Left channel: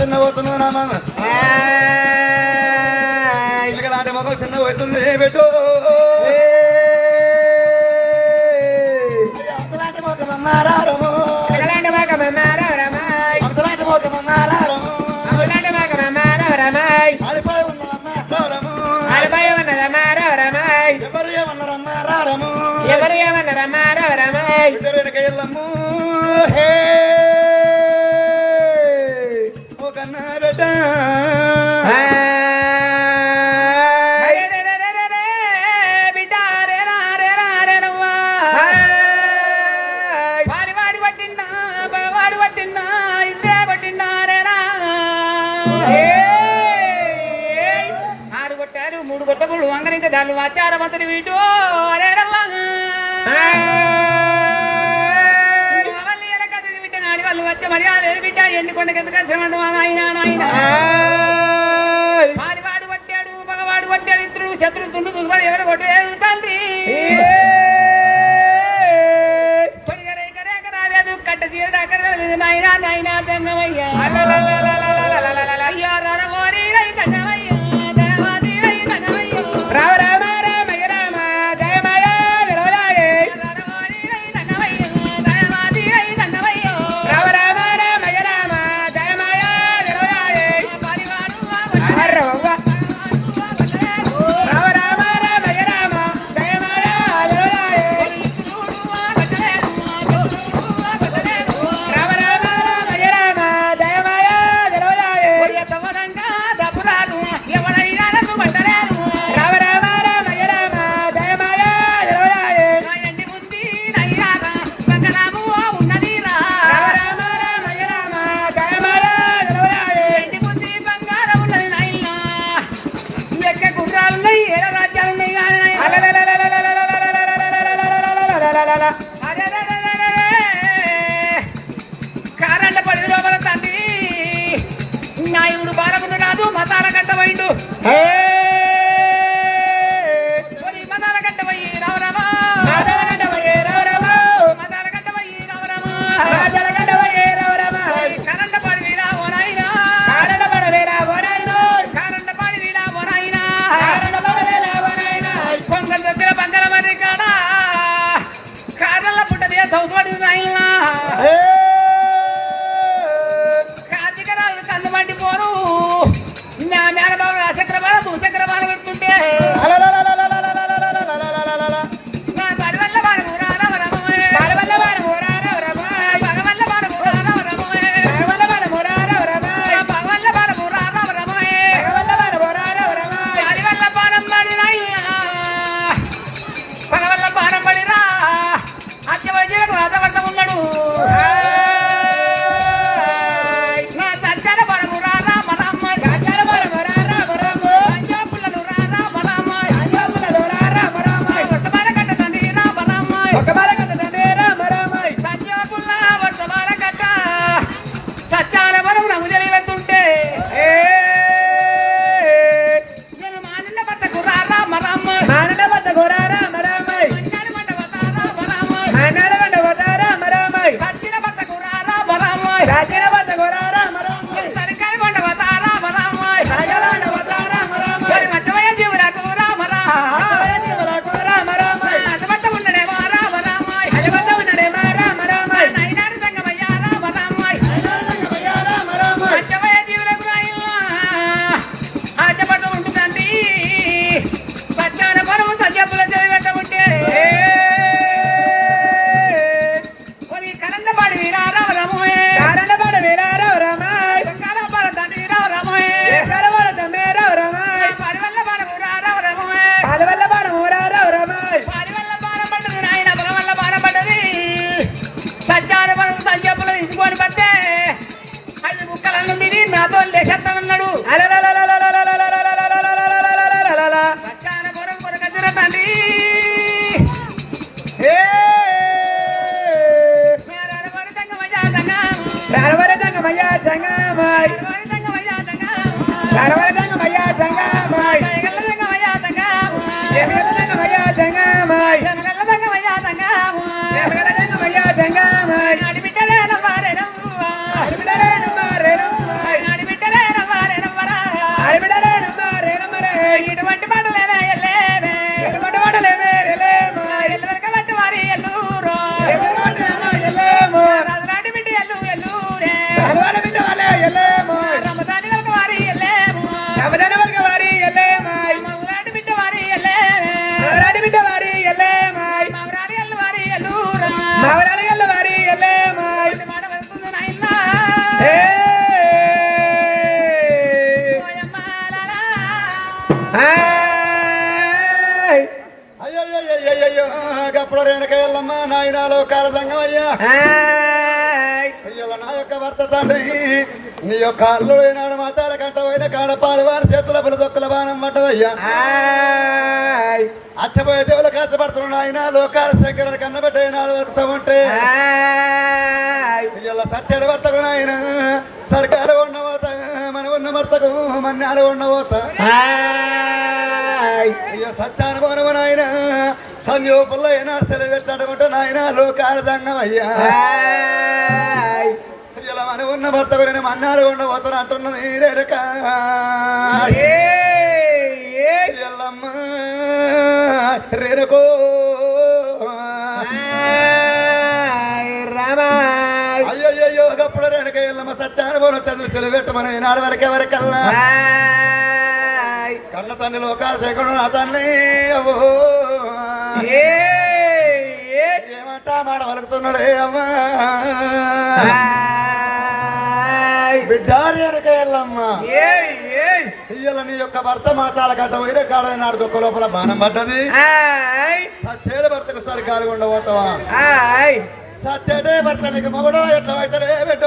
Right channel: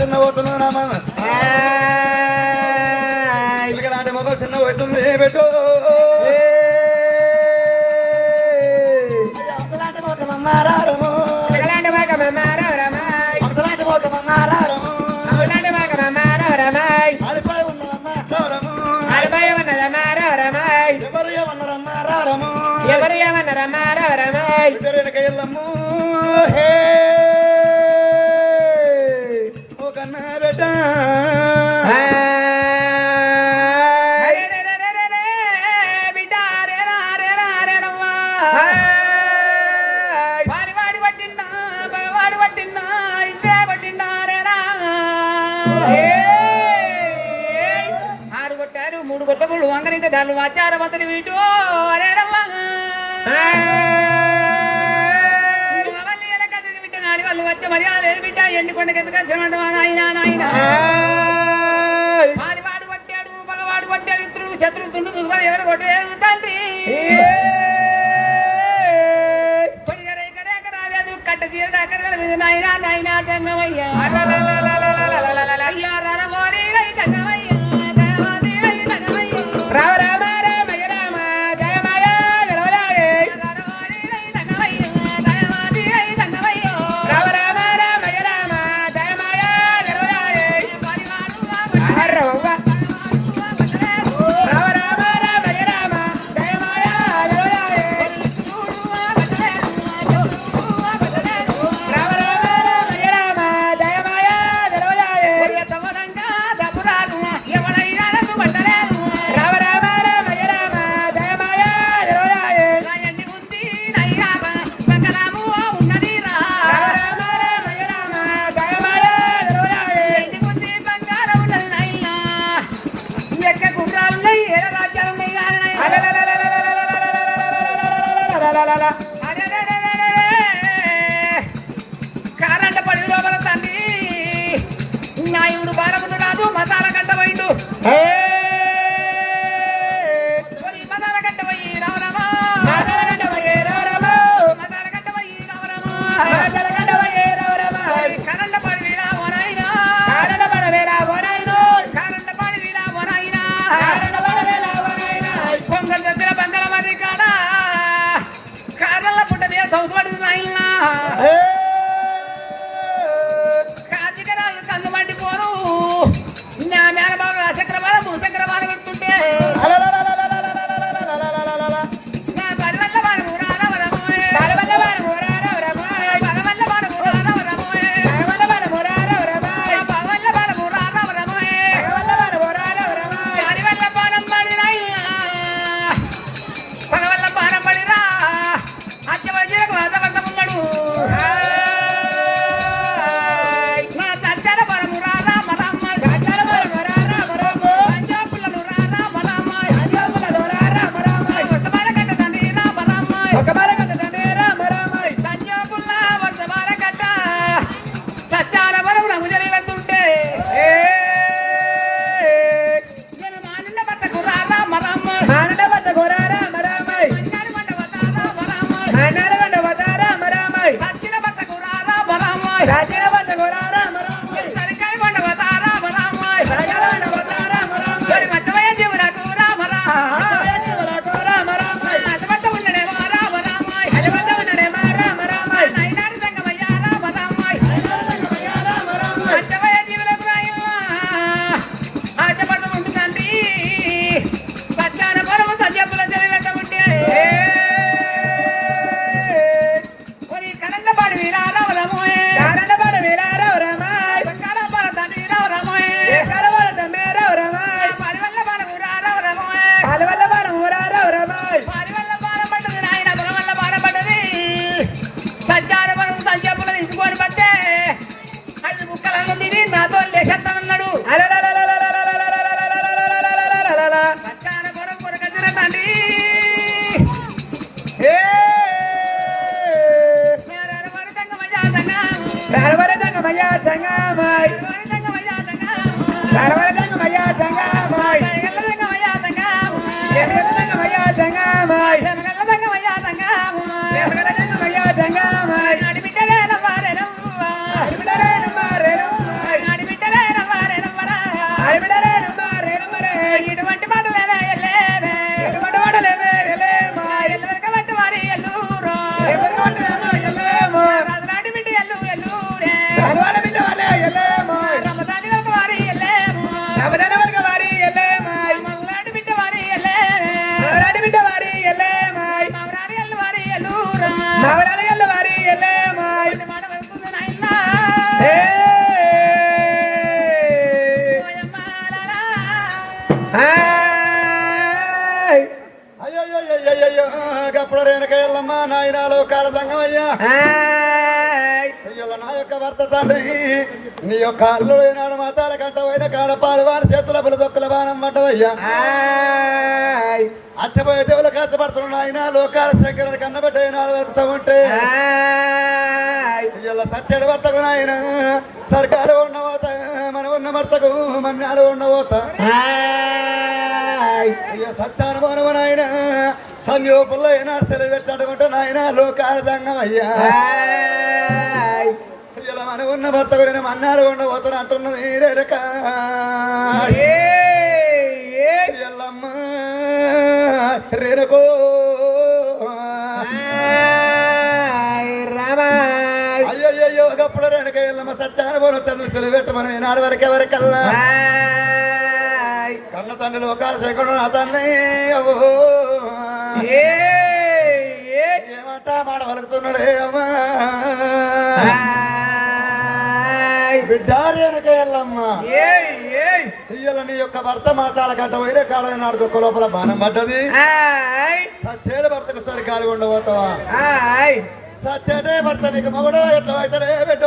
చిన్న పోతున్నావు ఇలాంటి మొదలు చిన్న పోతుంది పెట్టు అంతలాంటి పోతున్నారా ఎవరు ఏమన్నారమ్మారమ్మారమ్మాయి వెనకయ్యల్లమ్ము ఓ కన్నారట మూడు కొట్టబుడు వంగనించే దాన్ని ఆచారమంతని వీటు వాళ్ళు వచ్చే మర్యాద బిడ్డ ఎండుకొండకి ఎందుకంటే నాయన మారివాడు పట్టాడు మగవాడు పట్టాడు ఇద్దరు శత్రువు తుండు చూసుకొని ఎవరు కొట్టలేదు తండ్రి రాలేదు కట్ట తీరడాకలేదు నాయన జంగమయ్యా రామ రామ రామ రామ జయ మాయ కారంట పడి లోపల తండ్రి నాయుడు బాలమును రాదు మసాల కట్టమైండు మసాల కట్టమయ్యి రావరామా కరంట పడి రావోనాయినా కొంగల్ దగ్గర బంగార మరి కాడా కాదల్ల పుట్ట మీద సౌతుపడి నాయనా కాజికరాలు కన్ను మండిపోరు నా మేనబాబు చక్రబాల భూచక్రబాల పెడుతుంటే Jangan రేణుక ఎల్లమ్మ నాయనాలో కాలదంగమయ్యా అయ్యో నా యొక్క భర్త తండ్రి నీ యొక్క అల్లు ఏనాడు మాతాల కంటపోయిన కాడపాలు వారి చేతుల పులదొక్కల బాణం పడ్డదయ్యా అచ్చబోయే దేవులు కష్టపడుతున్న ఆయన లోకాల శంకరుని కన్నబెట్టే నాడు వరుకుతామంటే ఇలా సత్యడు భర్తకు నాయన సర్కారు ఉన్నవోత మన ఉన్న భర్తకు మన్నాడు ఉన్నవోత ఇక సత్యానుభవము నాయన సంయోపుల్లో ఏనాడు సెలవు పెట్టాడమంటే నాయన లోకాల దంగమయ్యా ఇలా మన ఉన్న భర్తకు నేను మన్నాడు ఉండబోతాను అంటున్నది రేరక ఎల్లమ్మ రేరకో అయ్యయ్యో ఒకప్పుడు రేణుక ఎల్లమ్మ సత్యానుభవం చంద్రులు సెలవు పెట్టమని నాడు వరకే వరకల్లా కన్న తండ్రి లోకాల శేఖరుడు నా తండ్రి ఏమంటా మాట వలుకుతున్నాడే అమ్మా బిడ్డారి వెనక ఎల్లమ్మ ఇయ్యల నీ యొక్క భర్త మాటాల గంట వేరే కాడ నాడు ఒక్క లోపల బాణం పడ్డది సచ్చేడు భర్తకు సరి కాలి ఉండబోతావా సచ్చేటే భర్త నీకు మగడో ఎట్లా అవుతాడే బిడ్డ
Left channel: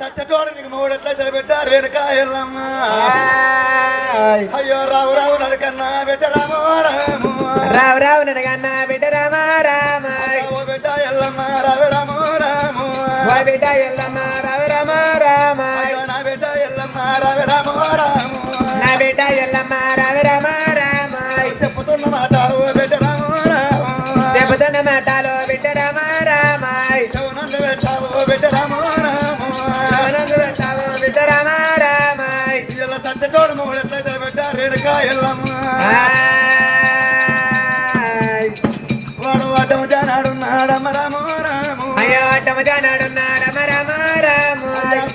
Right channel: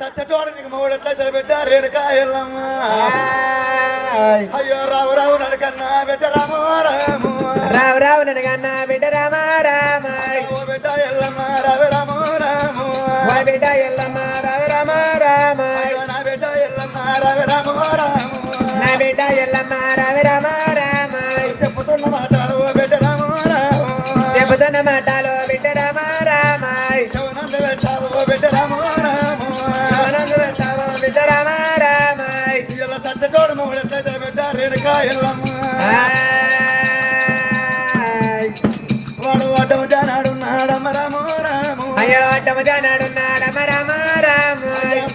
సచ్చటోడు నీకు మగడు ఎట్లా పెట్టారు వెనుక ఎల్లమ్మ అయ్యో రావు రావు నడకన్నా బిడ్డ రామో రాము రావు రావు నడకన్నా బిడ్డ రామ రామ బిడ్డ ఎల్లమ్మ రావు రామో రాము బిడ్డ ఎల్లమ్మ రావు రామ రామ నా బిడ్డ ఎల్లమ్మ రావు రామో రాము నా బిడ్డ ఎల్లమ్మ రావు రామ రామ చెప్పుతున్న మాట బిడ్డ రామో రాము చెబుతున్న మాటలో బిడ్డ రామ రామ నన్ను పెట్టావు బిడ్డ రామో రాము పెట్టాలో బిడ్డ రామ రామ ఇలా సచ్చటోడు మగడు ఎట్లయితే పెట్టారు వెనుక ఎల్లమ్మ వాడు వాటము జానాడున్నాడమ్మ రామో రాము అయ్యో అడ్డము జానాడున్నాడమ్మ రామ రామ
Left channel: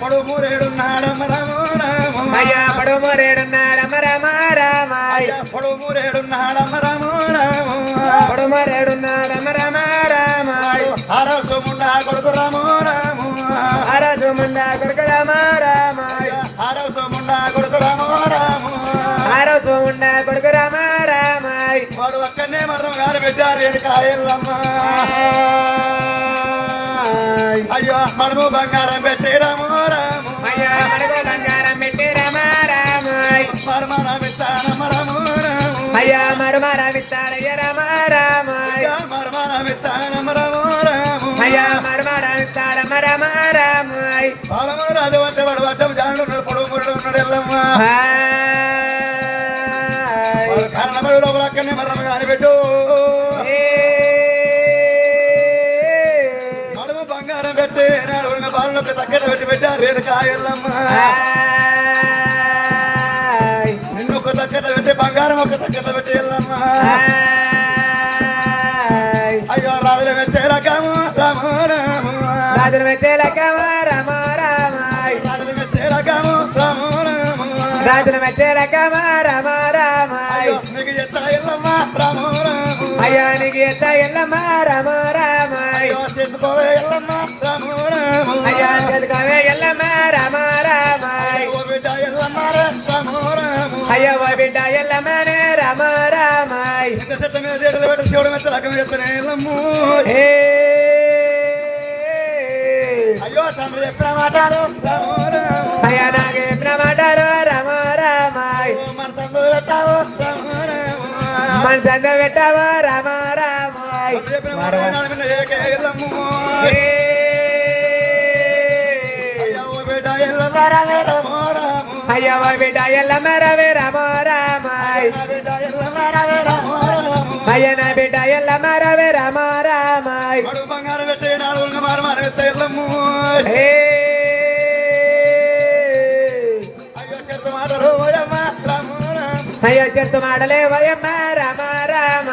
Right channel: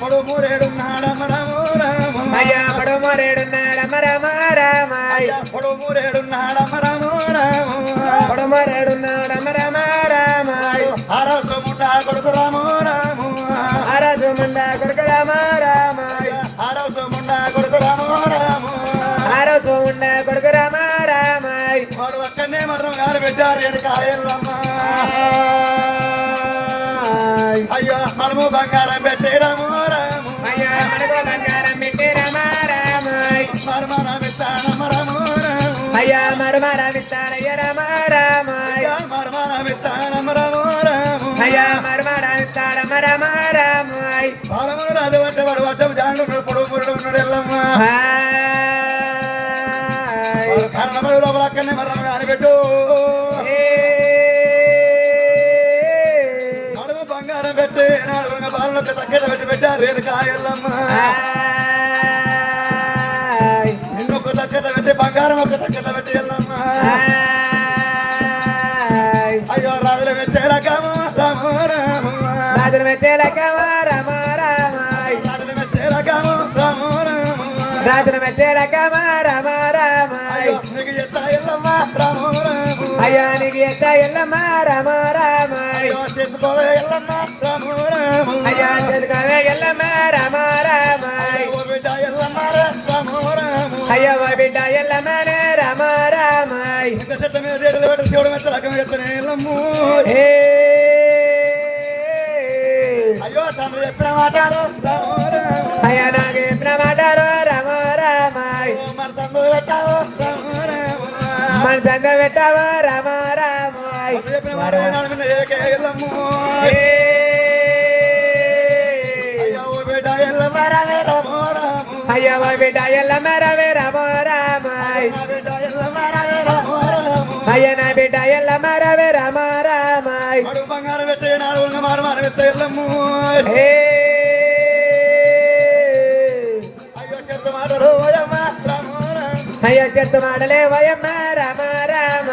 పొడు మూరేడున్నాడమ్మ రామో రాము అయ్యా పడు మరేడున్నాడమ్మ రామ రామ పొడు మూరేడున్నాడమ్మ రామో రాము పడు మరేడున్నాడమ్మ రామ రామ ఆరోగ్య ముండా కొడుకు రామో రాము ఆరాజు ముందా కొడుకు రామ రామ ఆరోగ్య ముండా కొడుకు రామో రాము ఆరోజు ఉండా కొడుకు రామ రామ వాడు అక్కడనే మరణం గారు పెట్టారు వెనుక ఎల్లమ్మ అయ్యో మనము బంగారం పెట్టే రామో రాము అయ్యా మనకు బంగారం పెట్టి రామ రామ మర్మరం ఇస్తానమ్మ రామో రాము అయ్యా మరమరామిస్తాడయ్య రామ రామ మర్మరం ఇస్తానమ్మ రామో రాము అయ్యా మరమరామిస్తాడమ్మ రామ రామ రాము రాజు అంటే వాడు వడ్డం జాను పొడవు పొడవు ఉన్నాడు ఎల్లమ్మ కారణమైన లోపల అక్కడనే మరణం గారు పెట్టు నడుము బంగారం పెట్టి బాలకి తగ్గట పెట్టి పెట్టారు వెనుక ఎల్లమ్మ నిన్నొక తగ్గట పెట్టి బంగారం ఒక తగ్గట పెట్టి ఎల్లమ్మ అయ్యో రాజుల మెచ్చేలకము రామ రామ రాజుల మెచ్చేలకమ రామ రామ రాజుల మెచ్చేలకము రామ రామ రాజుల మెచ్చేలకమ రామ రామ అయ్యో నీకు ఎత్తా ఎల్లమ్మ రామ రామ అయ్యా నీకు ఎత్త ఎల్లమ్మ రామ రామ అయ్యో చేసుకోవే ఎల్లమ్మ రామ రామ అయ్యా చెదుకోవే ఎల్లమ్మ రామ రామ ఓ బిడ్డ ఎల్లమ్మ రామ రామ అయ్యా ఓ బిడ్డ ఎల్లమ్మనే రామ రామ ఇంత చెత్త మీద రేటులు పెట్టి శివుడు మెచ్చలకం చెప్తానే ఎల్లమ్ము ఏ అయ్యో తండ్రి ఎత్తున మాట్లాడు రామ రామ అయ్యా నాకు చెప్పిన మాటలు రామ రామ మన తండ్రి పెట్టావు రామ రామ మన చంద పెట్టావా రామ రామ చెప్పిన మాట వినాలని ఏకే ఎల్లమ్ము అయ్యో ఓ బిడ్డ ఎల్లమ్మ రామ రామ రామ అయ్యా ఓ బిడ్డ ఎల్లమ్మ రవే రామ రామ నా బిడ్డ ఎల్లమ్మ రామ రామ రామ అయ్యా నా బిడ్డ ఎల్లమ్మ రవే రామ రామ వాడు బంగారం పెట్టే నాడు ఉన్న మారు ఎత్తే ఎల్లమ్ము ఏ అయ్యో చెత్త మాటలు ఓయమ్మ రామ రామ అయ్యా చెట్టు మాటలే వయమ్మ రామ రామ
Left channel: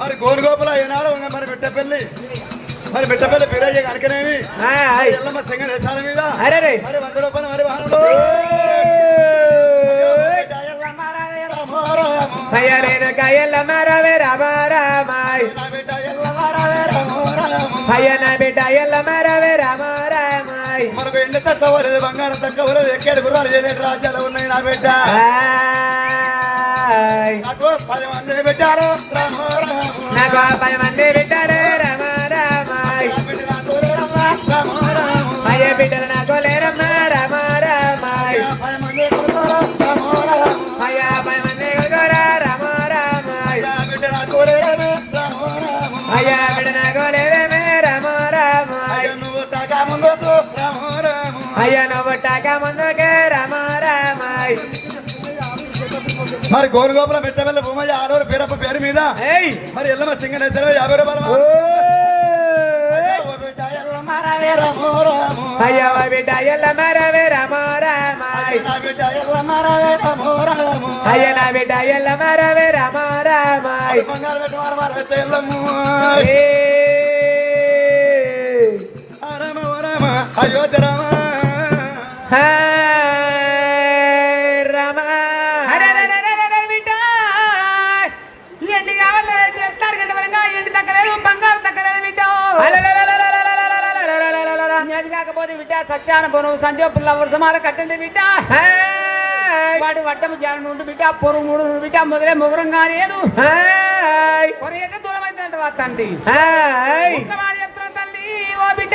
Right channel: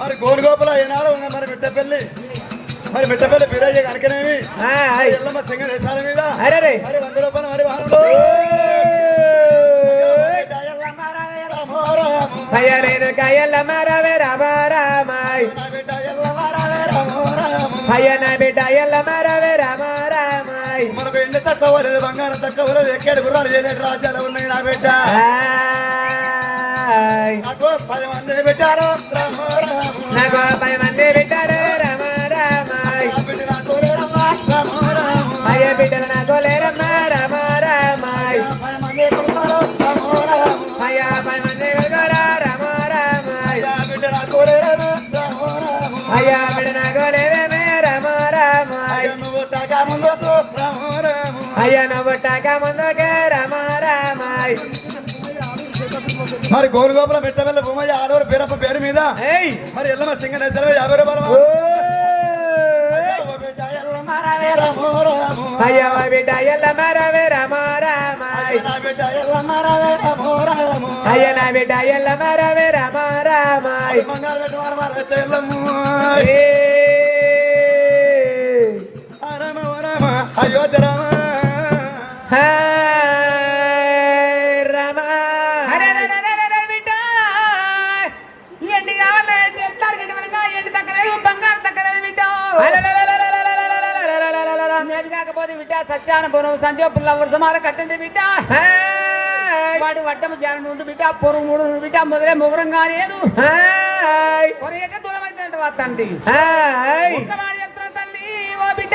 మరి గోనుగోపుల ఏనాడు ఉన్న మరి బిడ్డపల్లి మరి బిడ్డపల్లి పిల్లయ్య కనుకనేవి ఎల్లమ్మ సింగల్ వేసాల మీద అరే మరి 100 రూపాయలు మరి వాహనంలో అయ్యా నేను ఎల్లమ్మ రవే రామ రామ అయ్యా నా బిడ్డ ఎల్లమ్మ రవే రామ రామ మన తక్కువ లేదు బంగారం తక్కువ లేదు ఎక్కడ గుర్రాలు ఏదైతే రాజ్యాలు ఉన్నాయి నా బిడ్డ నాకు 10 మంది పెట్టారు రామ రామ నాకు 10 మంది పెట్టారు రామ రామ అయ్య బిడ్డలు నాకు లేరమ్మా రామ రామ అయ్యా 10 మంది రామ రామ బిడ్డ నాకు లేరమే రామ రామ అయ్యా బిడ్డ నాకు లేరమే రామ రామ నువ్వు తాగా ముందుకు రామ రామ అయ్యా నువ్వు టాకా ముందుకే రామ రామ మరి గోరుగోపుల మెట్టవెళ్ళ భూమయ్య ఆడవారు పేరప్ప పేరు మీద మరి ఎల్లమ్మ సింగనేశ్వర 50 రూపాయలు అయ్యా బిడ్డ ఎల్లమ్మ రవే రామ రామ అయ్యా నా బిడ్డ ఎల్లమ్మ రవే రామ రామ అయోధ్య రామ రామ బిడ్డ ఎండి కావాలి ఎండి తగ్గలేదు బంగారు తగ్గలేదు బిడ్డ ఏది కాకపోతే బిడ్డ సత్యాన పొరుగు సంజయ్ పుల్ల వృధమాల కట్టింది బిడ్డ వాడి వడ్డము జానం ఉండు బిడ్డ పొరుగు మూడు బిడ్డ మొదలే మొగరం కాలేదు పొరగేట దూరం అవుతుందంట వస్తండి చెప్తున్నా తల్లి ఓ బిడ్డ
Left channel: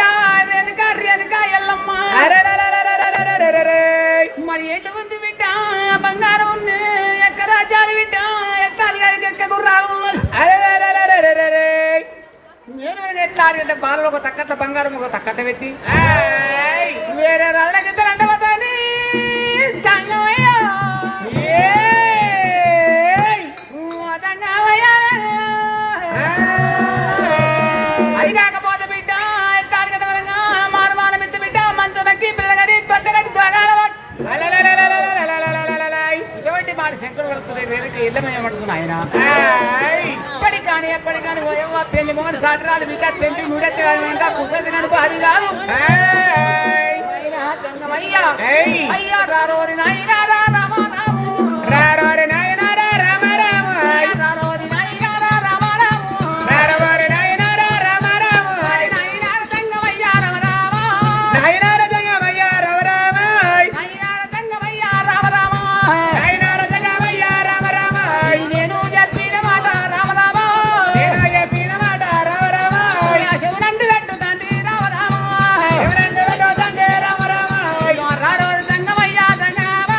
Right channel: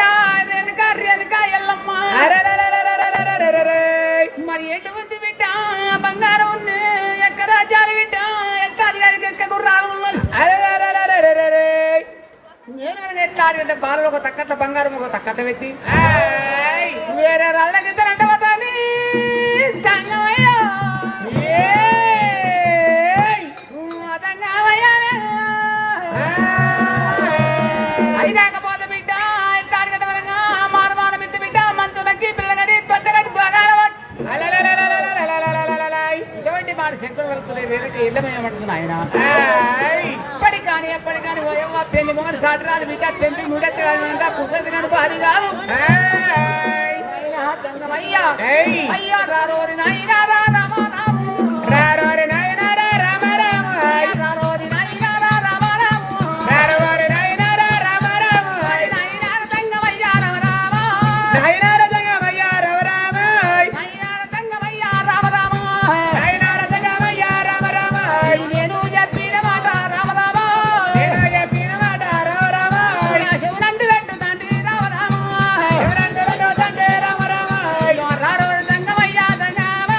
రేణుక రేణుక ఎల్లమ్మ మరి ఎటువంటి బిడ్డ బంగారం ఉంది ఎక్క రాజ్యాలు బిడ్డ ఎక్క ఎక్క గుర్రాలు నేను ఎట్లా ఆడితే బాలలో ఒక తక్కట్ల బంగారం ఒక తక్కట్ట పెట్టి వేరే రాళ్ళకి ఇద్దరంట పోతాని అది కాకపోతే బిడ్డ తాడిగట్ట వరంగా మానవాన బిడ్డ బిడ్డ మంచు బట్టి పిల్లగడి తొట్టగడి ఇటువంటి మాట శంకరు వస్తుంది వేడికి ఇల్లమేయమంటున్నా ఆయన ఇప్పటికి కానీ ఎప్పటికి కానీ ఓయమ్మ పెళ్లి మోహన్ సాటరాలు బిడ్డ తెంపి ముడెత్తి ఇంకా కుదరదు కానీ భారీ కాదు అయ్యా రారోరి నాయనా రామ రారోరి నాయనా రామ రామ రారోరి నాయనా రామ రామ రారోరి నాయనా రామ రామ నాయనా సంగమయ్య రామ రామ నాయనా సంగమయ్య రామ రామ నాయనా సంగమయ్య రామ రామ నాయనా సంగమయ్య రామ రామ నేను చెప్పిన మాట రామ రామ నేను చెప్పిన మాట రామ రామ శివనందు పెట్టు తండ్రి రామ రామ శివనందు పెట్టు తండ్రి రామ రామ రారోరి సంగమయ్య సంగమ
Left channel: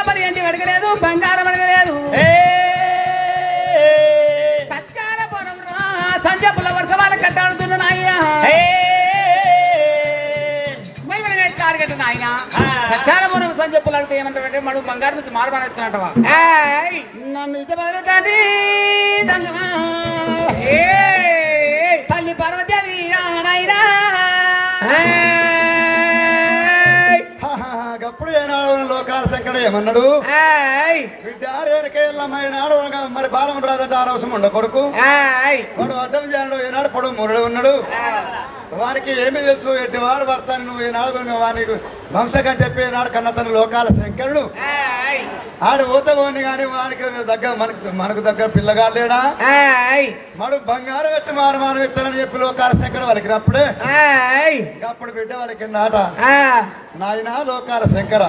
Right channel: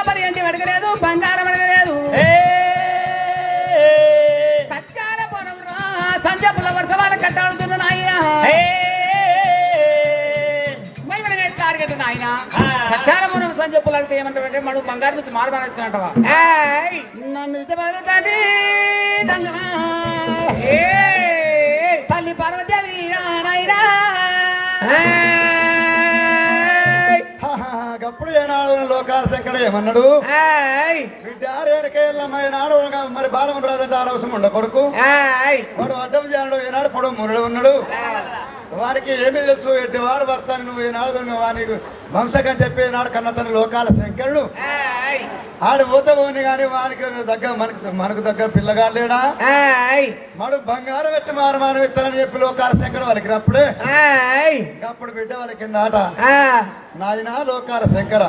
లోపల ఏంటి అడగలేదు బంగారం అడగలేదు సత్యాల పొలంలో సంజపుల వర్షాలు కట్టాడుతున్న నాయ్య టార్గెట్ నాయన సత్యాల పొలం సంజపులు అడిగితే ఏమంటారంటే మనం బంగారం నుంచి మారబానంటావా నన్ను ఇద్దరు తల్లి పార్వతీ నాయనా అప్పుడు ఏనాడు లోకాల శంకర ఏమన్నాడు నాడు మరి బాలం రాదంటే ఆరోసం ఉండ కొడుకు వాడు అడ్డం చేయడు ఏనాడు పొడవు మురడు ఉన్నాడు వారికి ఏమి తెలుసు ఎట్టి వాడు భర్తాను నువ్వు ఈనాడు వానికి వంశకం చెప్పి నాడు కన్న తన లోకాల శంకరుడు ఆడు పోతే పోని కానీ వానికి దగ్గర మనకు దగ్గర పిల్లగాడు లేడా మడు బంగారం పెట్టి మారమానం ఇచ్చానని చెప్పి లోకాల శంకరుడు వాళ్ళకి అప్పుడే అప్పుడు బిడ్డ వాళ్ళకి నాట నాయన లోకాల శంకర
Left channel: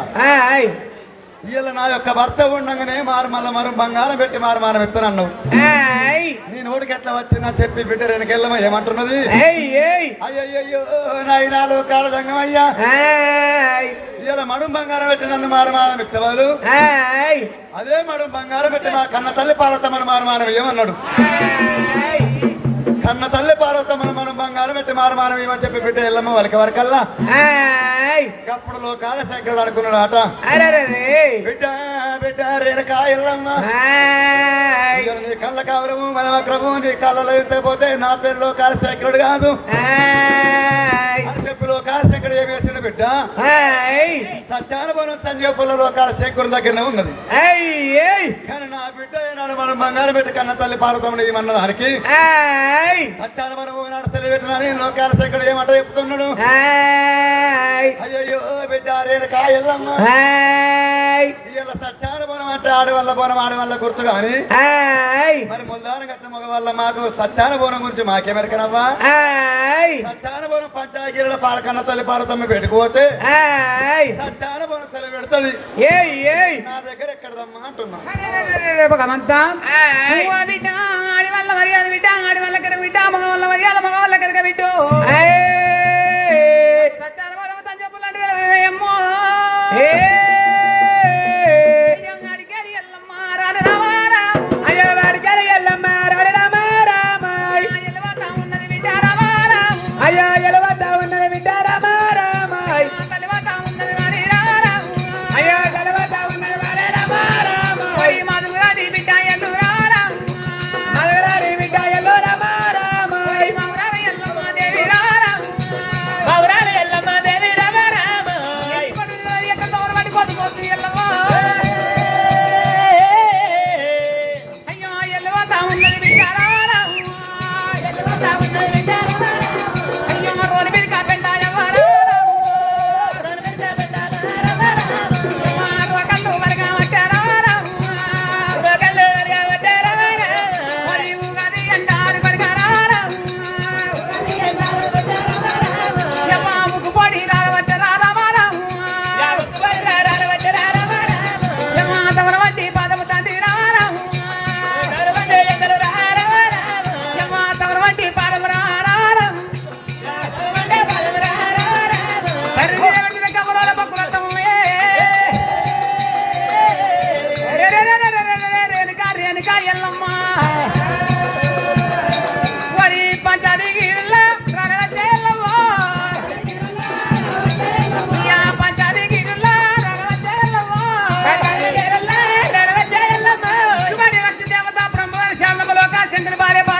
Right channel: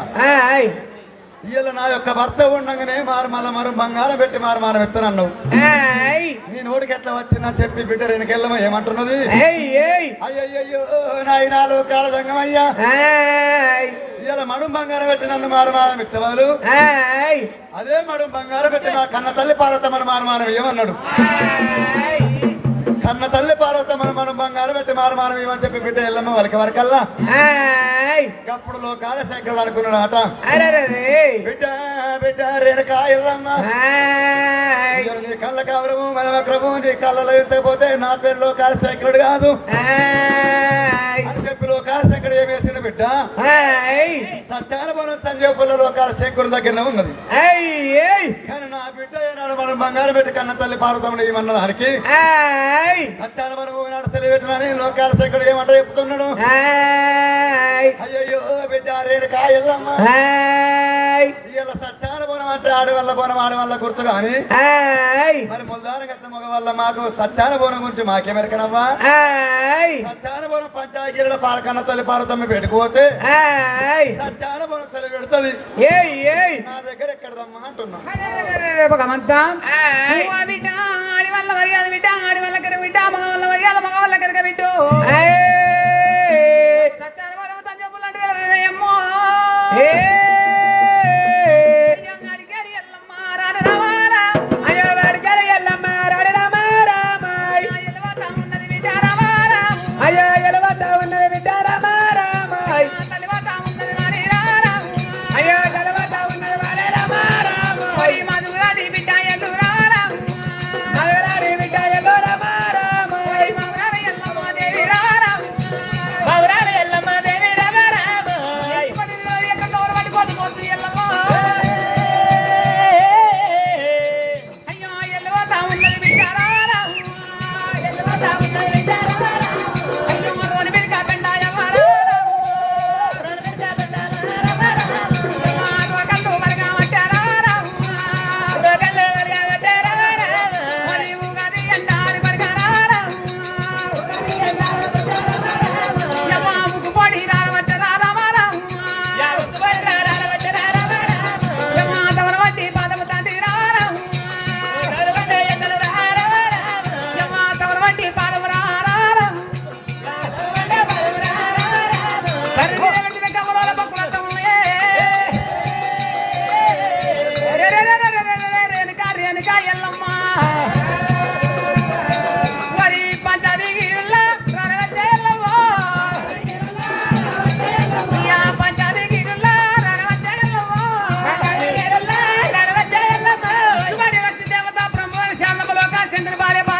వీళ్ళ నా యొక్క భర్త ఉండగానే మరో బంగారం పెట్టి మారమానం ఎత్తానన్నావు నేను ఓడికి ఎట్లా వచ్చినా చెప్పి బిడ్డ వెనకెళ్ళమా ఏమంటున్నది అయ్యయ్యో నాయన లోకాల సంగమయ్యా ఇలా మడు బంగారం పెట్టి నన్ను మారమానం ఇచ్చేవాళ్ళు అదే మడు బంగారం పెట్టి మా కన్న తల్లి పార్వతమ్మను మారమానం ఏమన్నాడు కన్న తల్లి పార్వతమ్మను మనం బంగారం పెట్టి మారమానం ఏమని చెప్పి బిడ్డ వెళ్ళమ్మ వరకల్లా అప్పుడు లోకాల శంకరుడు అనుకున్నాడట బిడ్డ బిడ్డ రేణుకా ఎల్లమ్మ నీ కళ్ళ కవరము మనవక్రము నీ కళ్ళలో ఎత్తకపోతే నా పేరు లోకాల శంకరుడు కాదు అని చెప్పి లోకాల శంకరుడు ఏం వేసిండు బిడ్డ సత్యానుభవం సంజీవపుల లోకాల శంకరుడు దగ్గరనే ఉన్నది కానీ నా బిడ్డ ఏనాడు మనం బంగారం పెట్టి కన్న తల్లి పార్వతమ్మను ఏమన్న దానికి సత్యానుభవం నాడు తెలియబెట్టినని లోకాల శంకరుడు ఏమంట చెప్తున్నాడు అయ్యో బిడ్డ రేణుకా ఎల్లమ్మ ఇలా సత్యానుభవం అంటే ఆడవల్ల బోనం ఆడవల్ల గుర్తు కానీ మరి ముల్దాన గట్ల మగ వల్ల మాకు సత్యానుభవం గురించి మాకేమెరకనవ్వా సత్యానుభవం పంచాయతీల పాలకన్న తల్లి పార్వతమ్మ పెట్టుకోతే సత్యానుభవం తల్లి పెడుతుంది నా దగ్గర ఎక్కడదమ్మా అంటున్నా ఆడి వల్ల మర్యాద బిడ్డ ఆడి వల్ల కనుక బిడ్డ మగ వల్ల మర్యాద మగ వల్ల కనుక బిడ్డు సత్యానుభవం సంజపులు అంటే ఏమో భార్య